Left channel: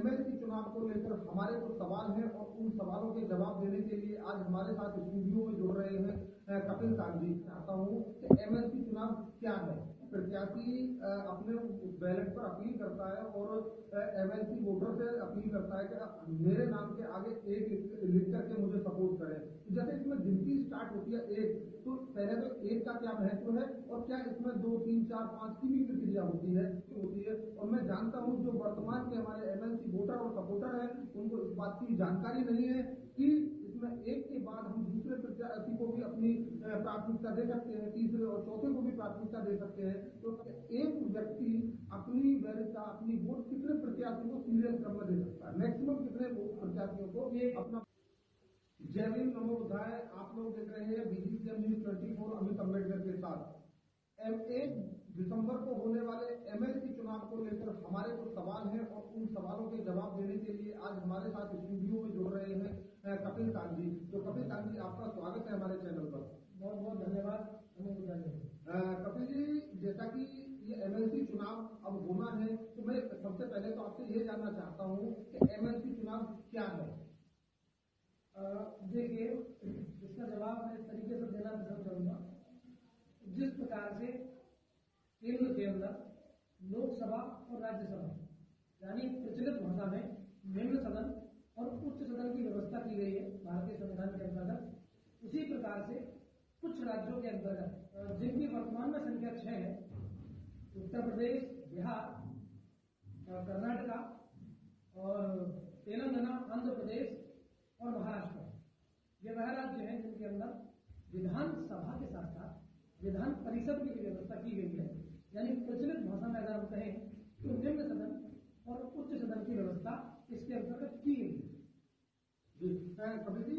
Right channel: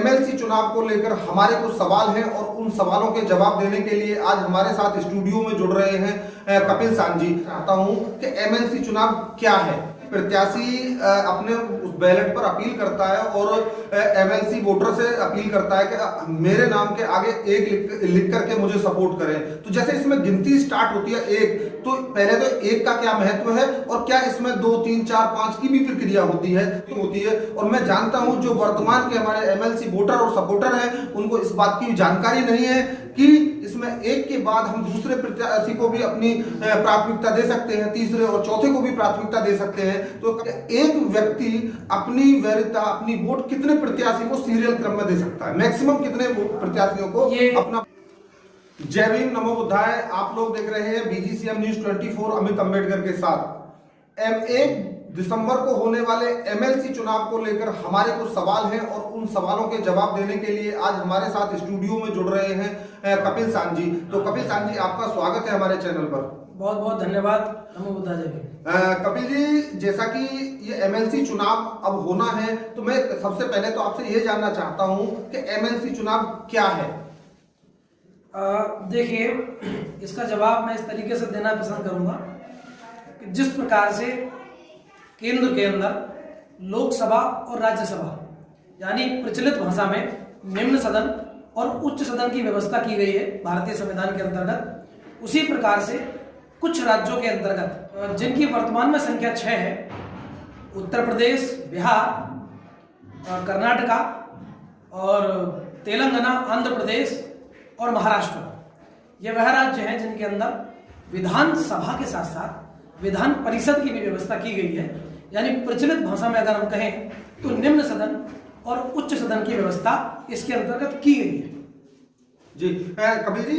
MLC चुनाव को लेकर हमारे कुछ सवाल हैं और उन सवालों के जवाब देने के लिए आज हमारे साथ स्टूडियो में जुड़ रहे हैं कपिल सांझी। चाहता हूं कि एमएलसी चुनाव क्या है। प्रत्याशी अपने उस बैलेट पर अपील करता है और एमएलसी वोटर से अपील करता है कि मेरे नाम के आगे एक लिख करके मुझे सपोर्ट करें। तो जैसे इसमें गिनती स्टार्ट होती है एक, तो पहले तो एक का क्या महत्व है और क्या इसमें 2, 3, 4, 5 की भी प्रक्रिया होती है। और मैं जानता हूं जो वर्तमान के हमारे एमएलसी वोटर और सपोर्टर हैं उनको इस बात की जानकारी नहीं है कि इसमें एक के बाद हम दूसरे प्रत्याशी को भी अपनी प्राथमिकता दे सकते हैं, तीसरे और चौथे को भी प्राथमिकता दे सकते हैं। तो एक व्यक्ति अपनी वैधता, अपनी वोट कितने प्रत्याशी को सीरियल क्रम में दे सकता है, मैक्सिमम कितने प्रत्याशियों को अपना। जय भीम, नमो बुद्धाय। आप लोग देख रहे हैं बीजीसीएम न्यूज 24 अमित अंबेडकर के साथ। 1 दिसंबर को होने वाले एमएलसी चुनाव को लेकर हमारे कुछ सवाल हैं और उन सवालों के जवाब देने के लिए आज हमारे साथ स्टूडियो में जुड़ रहे हैं कपिल सांझी। तो कपिल सांझी, आपका स्वागत है हमारे चैनल पर। बहुत बहुत धन्यवाद। नमो बुद्धाय। कपिल जी, जैसा कि ये एमएलसी चुनाव अब होना है, तो मैं सबसे पहले तो आपसे ये जानना चाहता हूं कि एमएलसी चुनाव क्या है। देखिए, इसका जवाब मैं इस तरीके से देना पसंद करूंगा कि जिस प्रकार से केंद्र के अंदर लोकसभा और राज्यसभा यानी प्रचलित भाषा में निम्न सदन और उच्च सदन की व्यवस्था की गई है भारतीय संविधान के अंतर्गत, उसी प्रकार से कुछ राज्यों के अंतर्गत जिनकी वर्तमान में संख्या 6 है, उत्तर प्रदेश, बिहार, कर्नाटका और तेलंगाना, आंध्र प्रदेश और महाराष्ट्र, ये वह राज्य हैं जिनके अंदर विधानसभा के साथ साथ विधान परिषद की भी व्यवस्था की गई है। यानी प्रचलित भाषा में अगर हम कहें तो निम्न सदन और उच्च सदन की व्यवस्था इसके अंतर्गत की गई है। जी कपिल जी,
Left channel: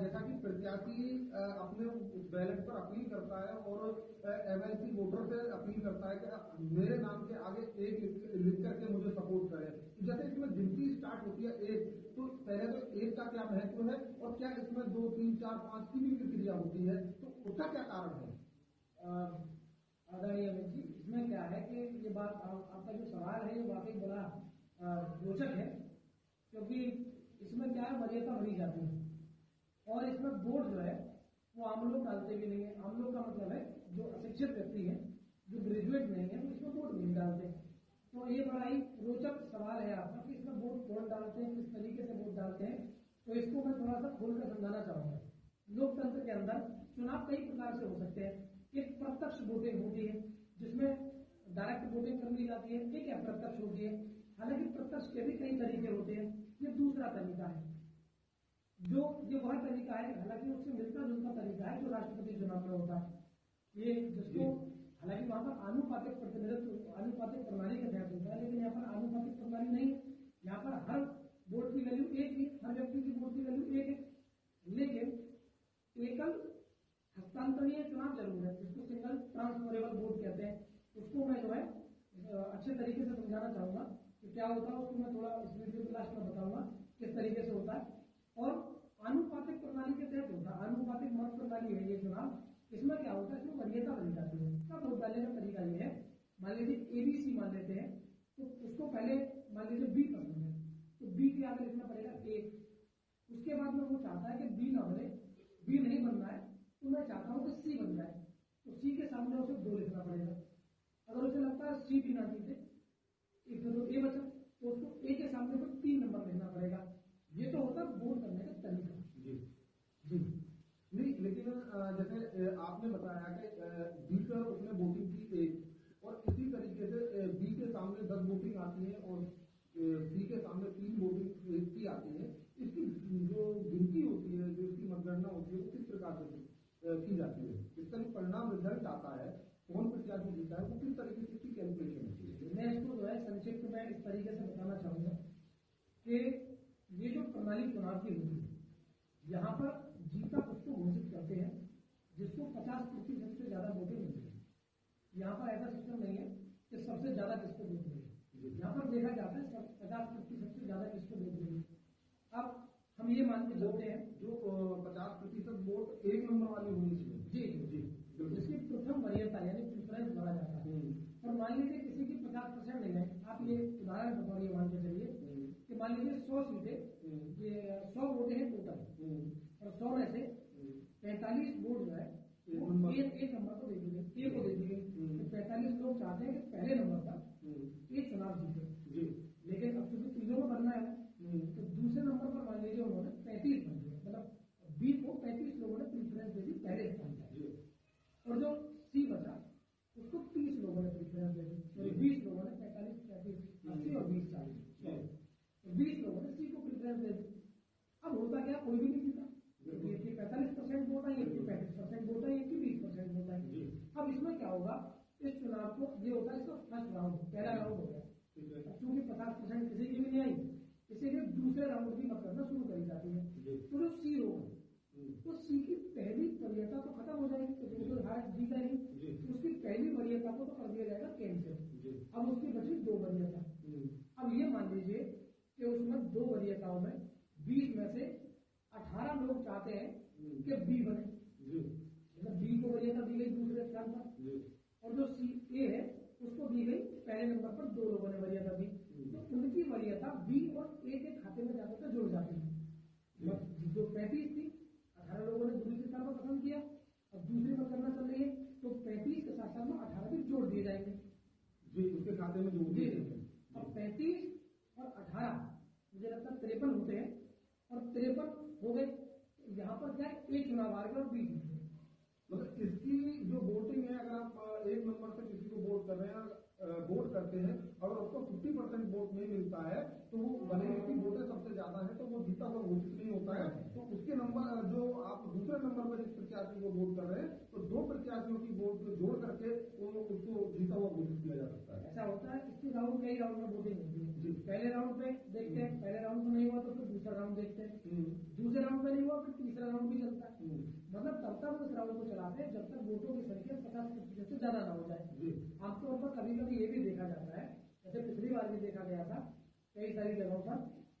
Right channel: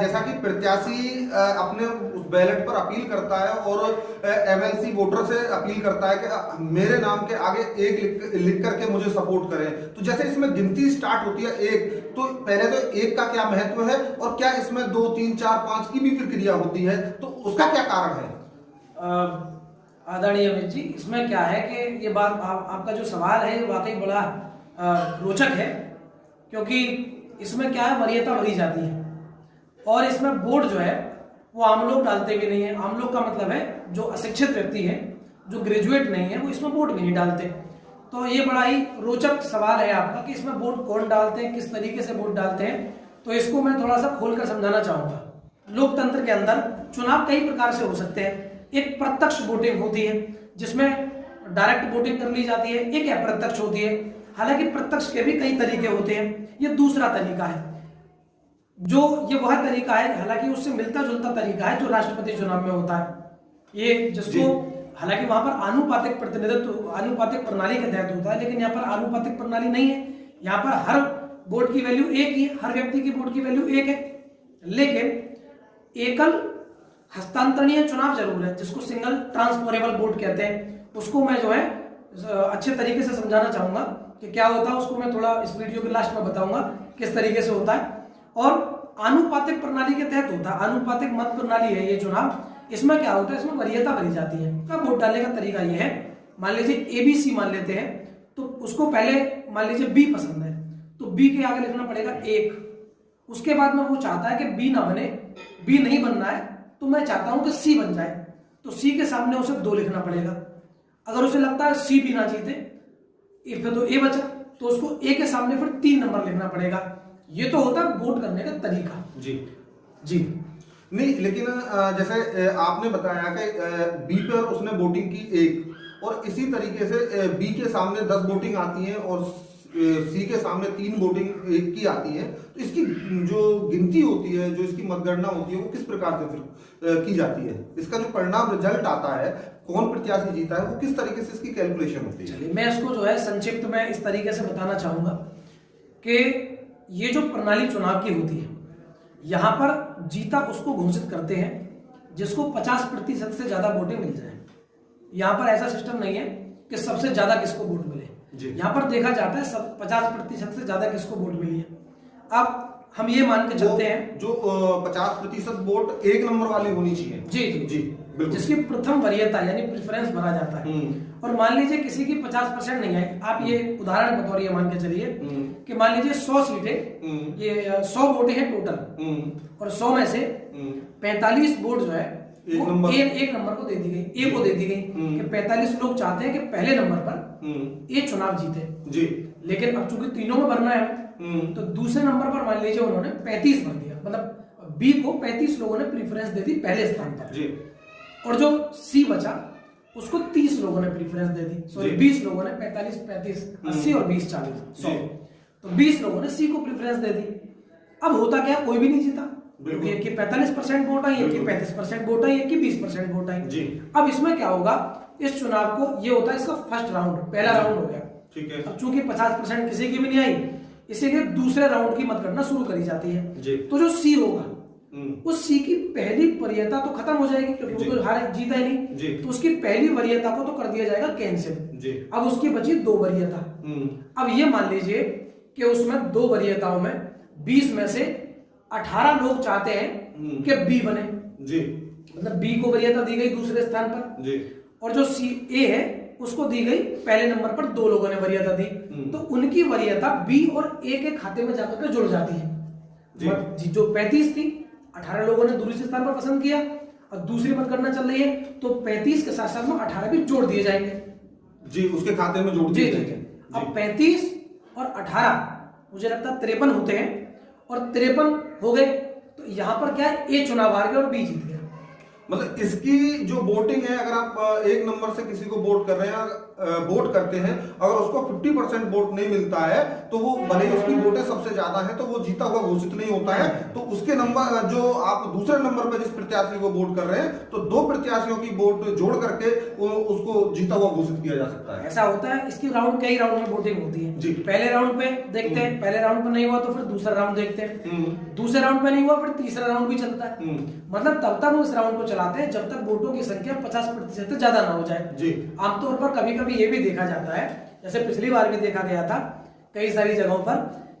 जैसा कि प्रत्याशी अपने उस बैलेट पर अपील करता है और एमएलसी वोटर से अपील करता है कि मेरे नाम के आगे एक लिख करके मुझे सपोर्ट करें। तो जैसे इसमें गिनती स्टार्ट होती है एक, तो पहले तो एक का क्या महत्व है और क्या इसमें 2, 3, 4, 5 की भी प्रक्रिया होती है, तो उसका क्या कारण है। आदरणीय अमित जी, इसमें क्या है कि ये बात आपका जो सवाल है वाकई बड़ा रोचक है, क्योंकि इसमें क्या है, वरीयता भरी जाती है और इसमें वोट जो है वो आम लोग डालते भी नहीं है। आम लोग का मतलब है जो अशिक्षित व्यक्ति है, जो ग्रेजुएट नहीं है, वो इसमें वोट भी नहीं डालते। तो ये बड़ा ही रोचक सवाल है आपका कि इसमें वोट कौन डालते हैं, किस तरीके से वोट डालते हैं। तो इसको मैं थोड़ा सा खोलकर समझाना चाहूँगा। लोकतंत्र के अंदर चुनाव कई प्रकार से हो सकते हैं। एक प्रत्यक्ष वोटिंग होती है जिसमें डायरेक्ट वोटिंग कर ली जाती है, एक अप्रत्यक्ष होती है। हालांकि प्रत्यक्ष के भी कई तरीके होते हैं, ये दूसरा तरीका है। जो ये वह तरीका है, हालांकि उससे मिलता जुलता तरीका है जो राष्ट्रपति चुनाव में होता है। ये जिसको हालांकि वहां पर आनुपातिक प्रतिनिधित्व, आनुपातिक प्रणाली के तहत होता है, लेकिन यहाँ पर आनुपातिक प्रणाली नहीं है। यहाँ पर हर वोट की वैल्यू एक ही है, हर व्यक्ति की वोट की वैल्यू एक है। लेकिन एकल हस्तांतरणीय चुनाव जरूर है, जिसको सिंगल ट्रांसफरेबल वोट कहते हैं। उसको मैं जो है अच्छे तरीके से समझाना चाहूंगा कि क्या होता है। उसको मैं थोड़ा इस वीडियो के लास्ट में बताऊंगा किस तरीके से होता है। और आनुपातिक प्रणाली के तहत होता है, आनुपातिक मत प्रणाली है ये चुनाव। इसमें क्या होता है, इसमें वरीयता भरी जाती है। का वोट डालने का तरीका ये है, मान लीजिए ABC मान लेते हैं, तो उसको पहले मान लीजिए B पसंद है, तो B के आगे लिखना पड़ेगा 1। उसके बाद में वो चाहता है कि B ना बने, B नहीं बनना है, तो मैं चाहता हूं कि C बन जाए, तो C के सामने उसे 2 लिखना पड़ेगा। अगर उसे लगता है C भी ना जीते, फिर तो A बचा, तो उसको A के सामने फिर 3 नंबर लिखना पड़ेगा। ये तो होता है वोट करने का तरीका। जी नहीं, लेकिन जैसे आपने बताया कि B पर उसने वोटिंग की 1, और इसी तरीके से B के सामने 10 वोटिंग आती है और C के सामने 3 वोटिंग 1 की आती है। तो इसकी जो गिनती होती है, जो इसकी मतगणना होती है, वो किस प्रकार से फिर की जाती है। इसका जो परिणाम रिजल्ट आता है, कौन प्रत्याशी जीता है, वो किस तरीके से इसकी कैलकुलेशन होती है। चलिए, मैं इसको जो है संक्षिप्त में इस तरीके से बताना चाहूंगा कि ये जो प्रणाली चुनाव की होती है, यहाँ पर जीता उसको घोषित करते हैं जिसको 50% से ज्यादा वोटें मिल जाए। यहाँ पर ऐसा सिस्टम नहीं है कि सबसे ज्यादा किसको वोट मिले। यहाँ पर देखा जाता है 50% से ज्यादा किसको वोट मिली है। अब हम ये मान के चलते हैं जो 50% वोट 1 नंबर वाली होनी चाहिए। जी जी जी बिल्कुल। जिसकी प्रथम वरीयता यानी प्रेफरेंस भरा जाता है। और मान लीजिए किसी की 50% नहीं आई, आप ये उदाहरण बतौर ये मान के चलिए कि मान लीजिए 100 सीटें, ये 100 वोटें हैं टोटल, और 100 में से 45 वोट जो है एक नंबर को दे दी गई, ए को दे दी गई कि 45 लोग चाहते हैं कि पहले नंबर पर ए चुनाव जीते जी। लेकिन अब चूंकि तीनों में भरना है तो दूसरे नंबर पर मान लीजिए उन्होंने 35 भर दिया, मतलब बी को 35 लोगों ने प्रीफरेंस दे दी पहले स्थान पर जी। और जो सी बचा उसको 30 लोगों ने प्रीफरेंस दे दी, सॉरी 20 लोगों ने 45 35 80 और 20 40 100, तो 20 लोगों ने सी को प्रीफरेंस दे दी। अब होता क्या, कोई भी नहीं जीता, क्योंकि एक की 45% वोट आई, एक की 35% वोट आई, एक की 20% वोट आई जी। अब इसमें क्या होगा, इस चुनाव को ये होता है इसका फर्स्ट राउंड, पहला राउंड हो गया, ठीक है। अब चूंकि 50% किसी की भी नहीं आई, इसीलिए दूसरे राउंड की मतगणना शुरू करी जाती है जी। तो जो सी होगा उस सी की पहली वरीयता तो खत्म हो जाएगी क्योंकि वो तो हार जीता ही नहीं, तो उसकी पहली वरीयता को तो कर दिया जाएगा कैंसिल। अब उसकी बची 2 वरीयता। अब ये मान लीजिए कि उसमें 2 वरीयताओं में 20 में से 18 लोग चाहते हैं कि बी बने जी, मतलब बी को वरीयता दी गई दूसरे स्थान पर जी, और जो सी ए है उसको दी गई पहले नंबर पर, 2 लोगों ने वरीयता दी, तो उनकी वरीयता बी और ए के खाते में जाकर के जुड़ जाती है जी। जो 35 थी 18 लोगों ने दूसरे स्थान पर पसंद किया और दूसरी मतगणना चल रही है तो 35 के साथ साथ में 18 भी जोड़ दिए जाएंगे जी, उसके खाते में जोड़ दिए जाएंगे। अब 35 और 18 मुझे लगता है 53 होते हैं और 53 हो गए तो यहां पर क्या है, ए चुनाव हार गया और बी जीत गया। मतलब इसकी जो वोटिंग है, अगर आप एक नंबर से किसी को वोट कर रहे हैं, वोट करते हैं, अगर उसको 50% वोट नहीं मिलता है तो वो भले ही उसकी वोटें सबसे ज्यादा है तो वो जीता हुआ घोषित नहीं होता है, तो उसके नंबर जो आप दूसरे नंबर पर जिस प्रत्याशी को वोट कर रहे हैं तो 2 प्रत्याशियों की वोट जोड़ करके उसको जीता हुआ घोषित किया जा सकता है। ऐसा होता है, इसकी राउंड कई राउंड में वोटिंग होती है जी। पहले राउंड पे देखते हैं, पहले राउंड पे नहीं हुआ तो फिर दूसरा राउंड देखते हैं, दूसरे राउंड पे नहीं हुआ फिर तीसरा राउंड भी चलता है, मतलब तब तक वो इस राउंड को चलाते हैं जब तक वोटों की संख्या 50% से ज्यादा ना हो जाए जी। आमतौर पर कभी कभी ये भी देखा जाता है, जैसे पिछली बार भी देखा गया था कई सारी जगहों पर,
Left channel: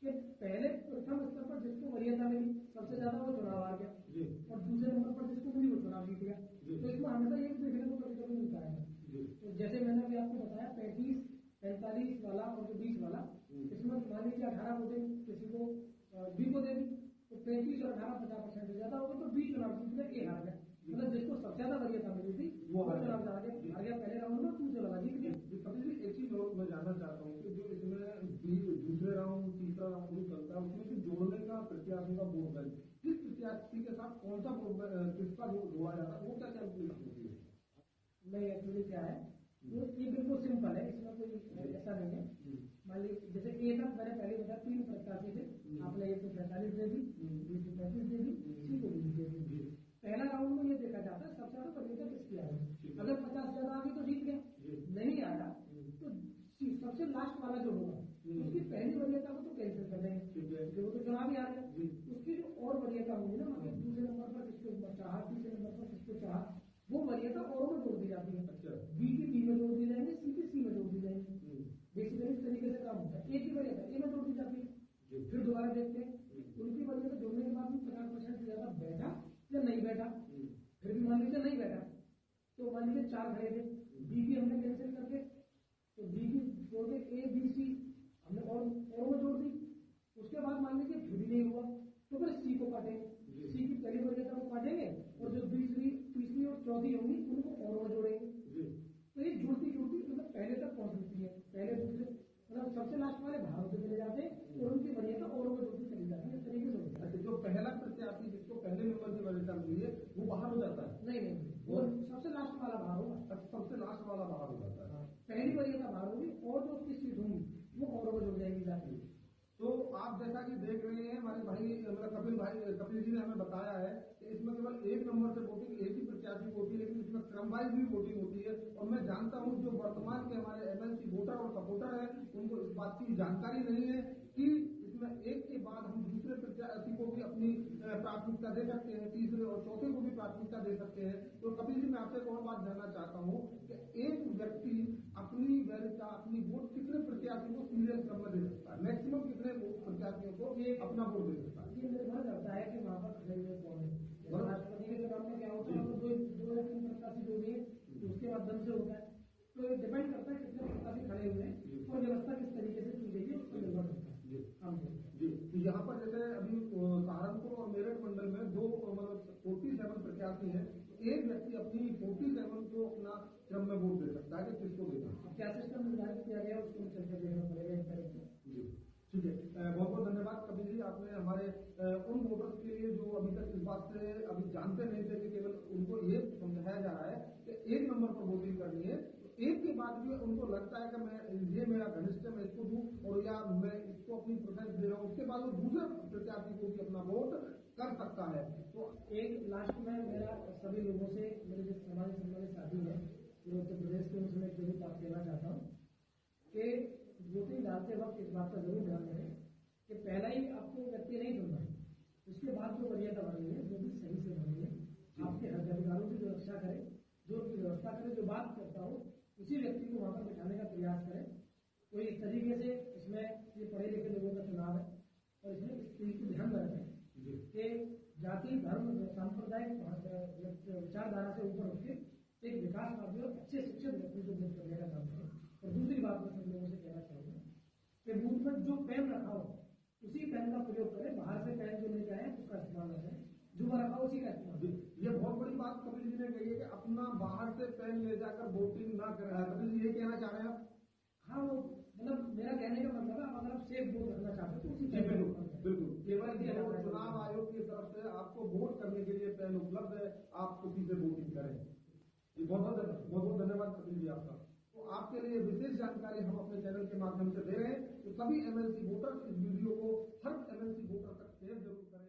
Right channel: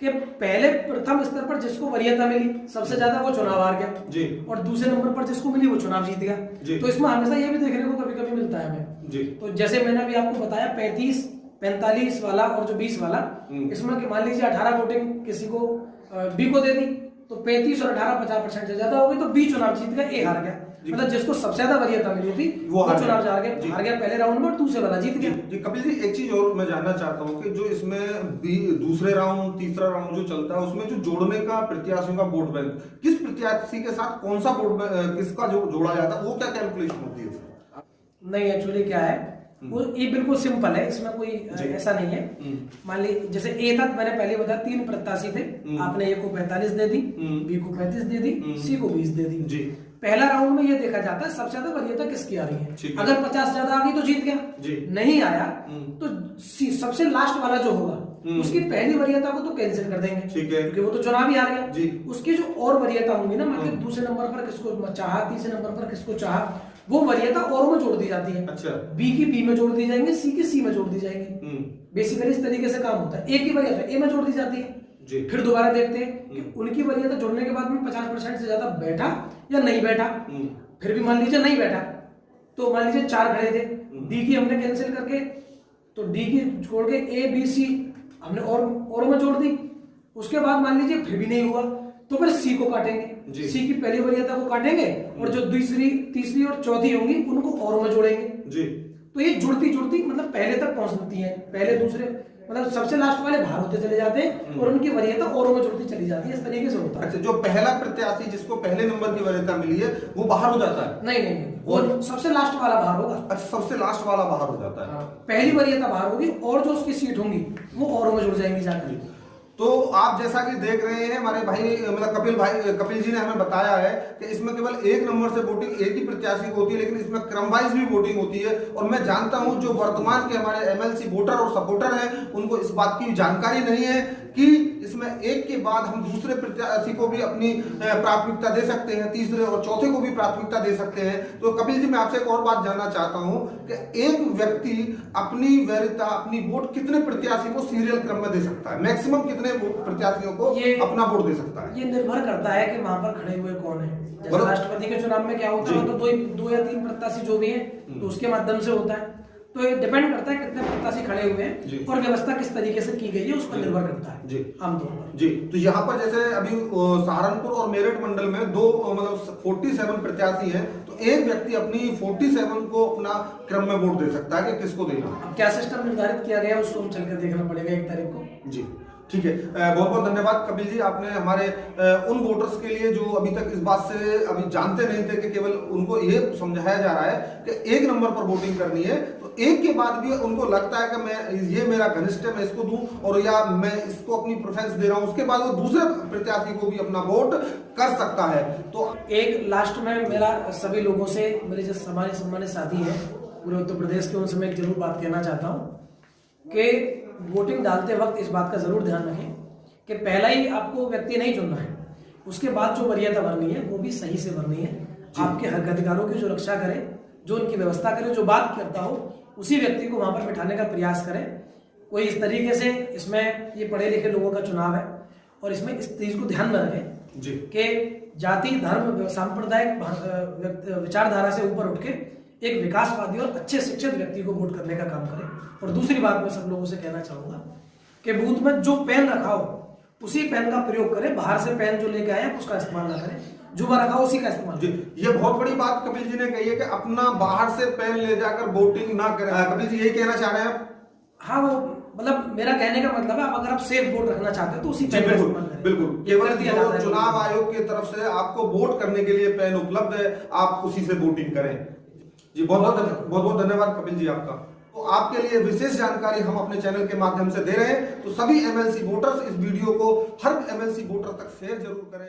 कि पहले प्रथम स्तर पर जिसको वरीयता मिली सबसे ज्यादा वो चुनाव हार गया जी, और दूसरे नंबर पर जिसको मिली वो चुनाव जीत गया जी। तो इसमें हमेशा ये भी देखने को कभी कभी मिलता है हमें जी। तो जैसे मैंने अभी आपको बताया 35 45 वाला और जो 20 वाला, इसमें मान लीजिए 18 वोटिंग किसी को बी को दे दी तो 35 और 18 50% से ज्यादा हो गई तो बी चुनाव जीत गया, ए हार गया, मतलब जिसको सबसे ज्यादा वरीयता मिली थी वो चुनाव हार गया पहले राउंड में और दूसरे वाला जीत गया जी। कपिल जी, एक चीज और मैं जानना चाहता हूँ कि जो इसमें दूसरे राउंड तीसरा राउंड जो चलता है उसमें जो जोड़ने का प्रत्याशियों का वोट बैंक, किस प्रत्याशी के साथ कौन सा वोट किसका जो जोड़ा जाता है, वो क्या कैलकुलेशन होती है? नहीं, एक्चुअली क्या है वो ये बिल्कुल सिंपल है, इसमें कोई ऐसा नहीं है। मान ली जैसे ए तक मैंने पहले बताया 3 प्रत्याशी थे, आपने ए को 45 दे दी, बी को 35 दे दी, सी को 20 दे दी जी। पहला राउंड में ये देखा जाता है सबसे ज्यादा वरीयता किसकी आ रही है, अगर 50 ज्यादा आ गई तो जीत गया जी। नहीं आया तो सबसे लास्ट वाला जो होगा उसकी पहली वरीयता को तो कैंसिल कर देंगे क्योंकि वो तो चुनाव ही हार गया जी। उसकी जो और वरीयता होंगी ना, मतलब दूसरे नंबर पर किसको चाहा, तीसरे नंबर पर किसको चाहा, वो वरीयता और में जोड़ दी जाती है। अच्छा, बी की बी में जोड़ दी जाएंगे, सी की सी में जोड़ दी जाएंगी। बेसिकली इस तरीके से काम होता है। ए की वरीयता ए में जोड़ दी जाती है जी। फिर दोबारा देखते हैं कि उनकी वरीयता जोड़ने के बाद में 50% से ज्यादा बैठा या नहीं बैठा, फिर भी मान लीजिए नहीं बैठा तो मान लीजिए 4 खड़े थे, डी की हमने कैंसिल करके तो डी की छोड़ के ए बी सी हमने और में जोड़ दी, उसके बाद मान लीजिए फिर भी नहीं हुआ तो फिर सी को काटेंगे, सी की पहली वरीयता को काटेंगे और जो दूसरी तीसरी और चौथी होंगी उनको और में जोड़ेंगे जी। तो ये जुड़ती जुड़ती मतलब पहले तक पहुंचती है, पहले दूसरे मतलब सबसे लास्ट वाले बाहर होते चले जाते हैं और उनकी वरीयता औरों में जुड़ती चली जाती है, इस तरीके से होता है। अच्छा, जो पहला प्रत्याशी जिसको पहले नंबर की वरीयता मिली है वो बाहर हो जाता है? नहीं, वो सबसे लास्ट वाला बाहर होगा। अच्छा, सबसे लास्ट वाला बाहर हो जाता है। पहली वरीयता बाहर होगी और जो उसकी सीट होंगी वो औरों में जुड़ जाएंगी जाकर। तो आप जैसा कि देख रहे हैं हमारे भाई मतलब कपिल जी ने हमें बताया है कि इसमें केवल एक नंबर से वोटिंग एक ही प्रत्याशी को होती है, लेकिन इसमें क्रम वाइज भी वोटिंग होती है। और मैं जानता हूं जो वर्तमान के हमारे एमएलसी वोटर और सपोर्टर हैं उनको इस बात की जानकारी नहीं है कि इसमें एक के बाद हम दूसरे प्रत्याशी को भी अपनी प्राथमिकता दे सकते हैं, तीसरे और चौथे को भी प्राथमिकता दे सकते हैं। तो कपिल जी, मैं आपसे एक और बात जानना चाहता हूं कि एक व्यक्ति अपनी वरीयता अपनी वोट कितने प्रत्याशी को सीरियल क्रम में दे सकता है, मैक्सिमम कितने कितने प्रत्याशियों को अपना वोट दे सकता है? ये निर्भर करता है कि वहां पर खड़े हुए कौन है। जैसे बराबर। राष्ट्रपति के चुनाव में क्या होता है, तो दो या तीन प्रत्याशी जो भी है तो उसके माध्यम से होता है। तो ये डिपेंड करता है कितने प्रत्याशी खड़े हुए हैं और व्यवस्था किस तरीके से की गई है उस पर निर्भर करता है जी आमतौर पर। जी, तो यहाँ पर जैसे अभी सहारनपुर और मेरठ मंडल में दो मतलब 47 प्रत्याशी हैं, तो एक व्यक्ति अपनी 47 को अपना क्रम में वोट दे सकता है कि किसको देना। अब क्या सिस्टम निर्धारित किया गया है उसको हम चलकर देखना पड़ेगा 1 तारीख को। जी ठीक है, बहुत बहुत धन्यवाद कपिल जी, आपने हमारे उन वोटर्स के लिए जो अभी तक इस बात से अभी जानते नहीं थे कि केवल उनको ये समझाया जा रहा है कि 1 नंबर पर वोटिंग करनी है, तो एक के बाद भी उनको लगता है कि मैं ये मेरा घनिष्ठ है मैं इसको दूं और या मैं इसको अपनी प्रेफरेंस दे रहा हूं, उसके बाद वो दूसरे प्रत्याशी को भी अपना वोट कर सकता है। तो एक लास्ट में मेरा सभी लोगों से, मेरे जो हमारे सम्मानित साथी हैं पूरे उत्तर प्रदेश के, उनसे मैं एक जरूर बात कहना चाहता हूँ कि वोटिंग डालते वक्त इस बात का जरूर ध्यान रखें कि पहला ही आपको व्यक्ति नहीं चुनना है, उसके बाद जो वरीयता भरनी है वो भी सही से भरनी है। आपके हक अधिकारों की जो रक्षा करे, जो उनकी व्यवस्था करे, जो बात करता हो उसी व्यक्ति को वहां पर बिठाने का प्रयास करें। कोई इस तरीके से, इसमें ये पढ़े लिखे लोगों का चुनाव है और इसमें इस चीज को ध्यान में रखें कि जाति धर्म सांप्रदायिक विचारधारा से ऊपर उठ के एक विकासवादी और अच्छे शिक्षित व्यक्ति को वोट करने का काम करें। और दूसरी बात मैं सब लोगों से कहना चाहूंगा कि बूथ में जो पेन रखा हो उसी पेन का प्रयोग करें, बाहर से पेन जो लेके आए उसका इस्तेमाल ना करें, जो रखा हो उसी का इस्तेमाल करें। ये बहुत बड़ी बात कपिल जी ने कही है कि अपना बाहर से पेन ले जाकर वोटिंग ना करें। कपिल जी यही कहना चाह रहे हैं आप? हाँ, वो मतलब मेरा कहने का मतलब है, अगर आप सेफ वोट रखना चाहते हैं तो उसी पेन का इस्तेमाल करें। बिल्कुल, केवल जो चुनाव आयोग की तरफ से आपको वोट करने के लिए पेन उपलब्ध है, आप उसी से वोटिंग करें। जी बहुत बहुत धन्यवाद कपिल जी आपका। तो आपके लिए विशेष जानकारी हम अपने चैनल के माध्यम से दे रहे हैं, तो सभी एमएलसी वोटर्स इस वीडियो को हर एमएलसी वोटर तक शेयर जरूर करें।